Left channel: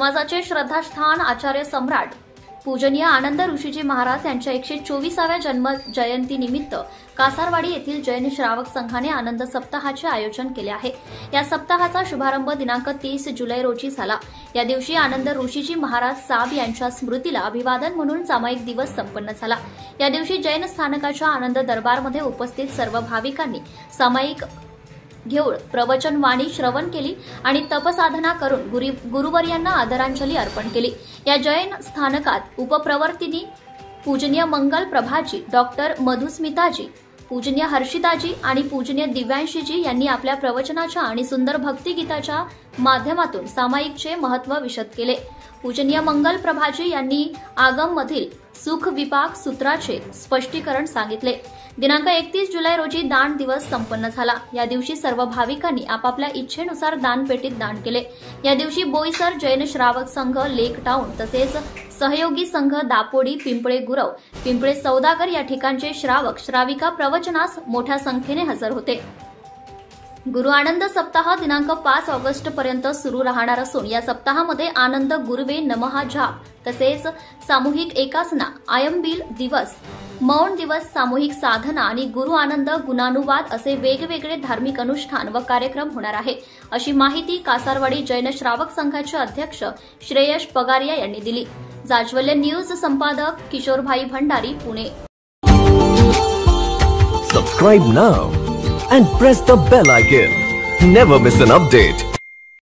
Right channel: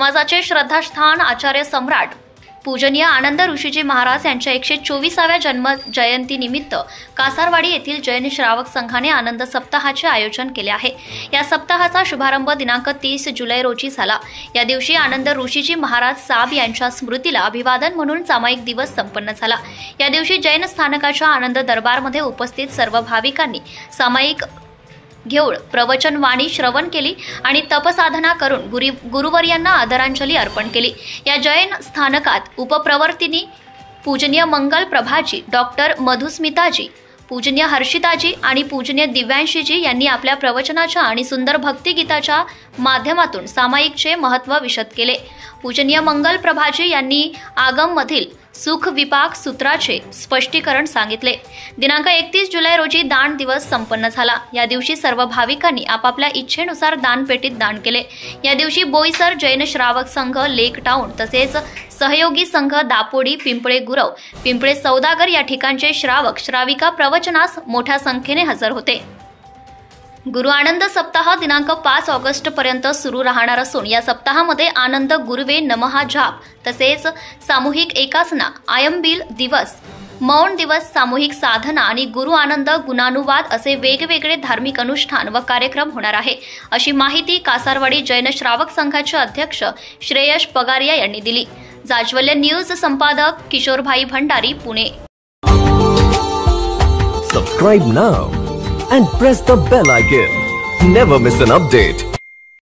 समाजाचे श्रद्धास्थान आचार्य सम्राट पूजनीय आनंद ऋषीजी महाराज यांच्या 124व्या जन्म जयंती निमित्त कासारवाडी येथील जैन श्रावक संघाने आनंद सप्ताहाचे आयोजन केले आहे। या सप्ताहाचा शुभारंभ दिनांक 30 जुलै रोजी झाला। या दिवशी आनंद ऋषीजी महाराज साब यांच्या स्मृतीला अभिवादन म्हणून सामायिक दिवस संपन्न झाला। या दिवशी जैन स्थानकाच्या आनंद दरबारमध्ये उपस्थित सर्व भाविकांनी सामायिक घेऊन प्रवचन वाणी श्रवण केली आणि तपसाधना करून गुरुवर्यांना आदरांजली अर्पण केली। या जैन स्थानकात उपप्रवर्तिनी पूजनीय मंगल प्रभाजी, डॉक्टर मधुस्मिताजी, पूजनीय हर्षिताजी आणि पूजनीय दिव्यांशीजी यांनी आपल्या प्रवचनाच्या आणि सुंदर भक्तिगीताच्या माध्यमातून सामायिकचे महत्त्व विशद केले। पूजनीय मंगल प्रभाजी यांनी आगम मधील सुख विपाक सूत्राचे स्पष्टीकरण सांगितले। दिनांक 31 जुलै रोजी दान दिवस संपन्न झाला। या दिवशी सर्व भाविकांनी आपापल्या इच्छेनुसार दानपेटीत दान केले। या दिवशी बोईसर जैन श्रावक संघ लेक टाउन तसेच सहयोगी संघ दापोडी, पिंपळे गुरव, पिंपळे सौदागर या ठिकाणचे श्रावक श्राविका प्रवचनास मोठ्या संख्येने हजर होते। गुरु आनंद सप्ताह दिनांक 5 ऑगस्ट पर्यंत सुरू राहणार असून या सप्ताहामध्ये आनंद गुरुवे नमः जाप तसेच सामूहिक एकासना, आयंबिल दिवस, मौन दिवस, सामूहिक साधना आणि गुरु आनंद गुणानुवाद असे वेगवेगळे धार्मिक अनुष्ठान व कार्यक्रम होणार आहे, अशी माहिती कासारवाडी जैन श्रावक संघाचे अध्यक्ष श्रेयश पगारिया यांनी दिली। जाज्वल्य न्यूज संपादक Kishorbhai Bhandari, Pune. Subscribe now and press the bell icon. Never miss an update.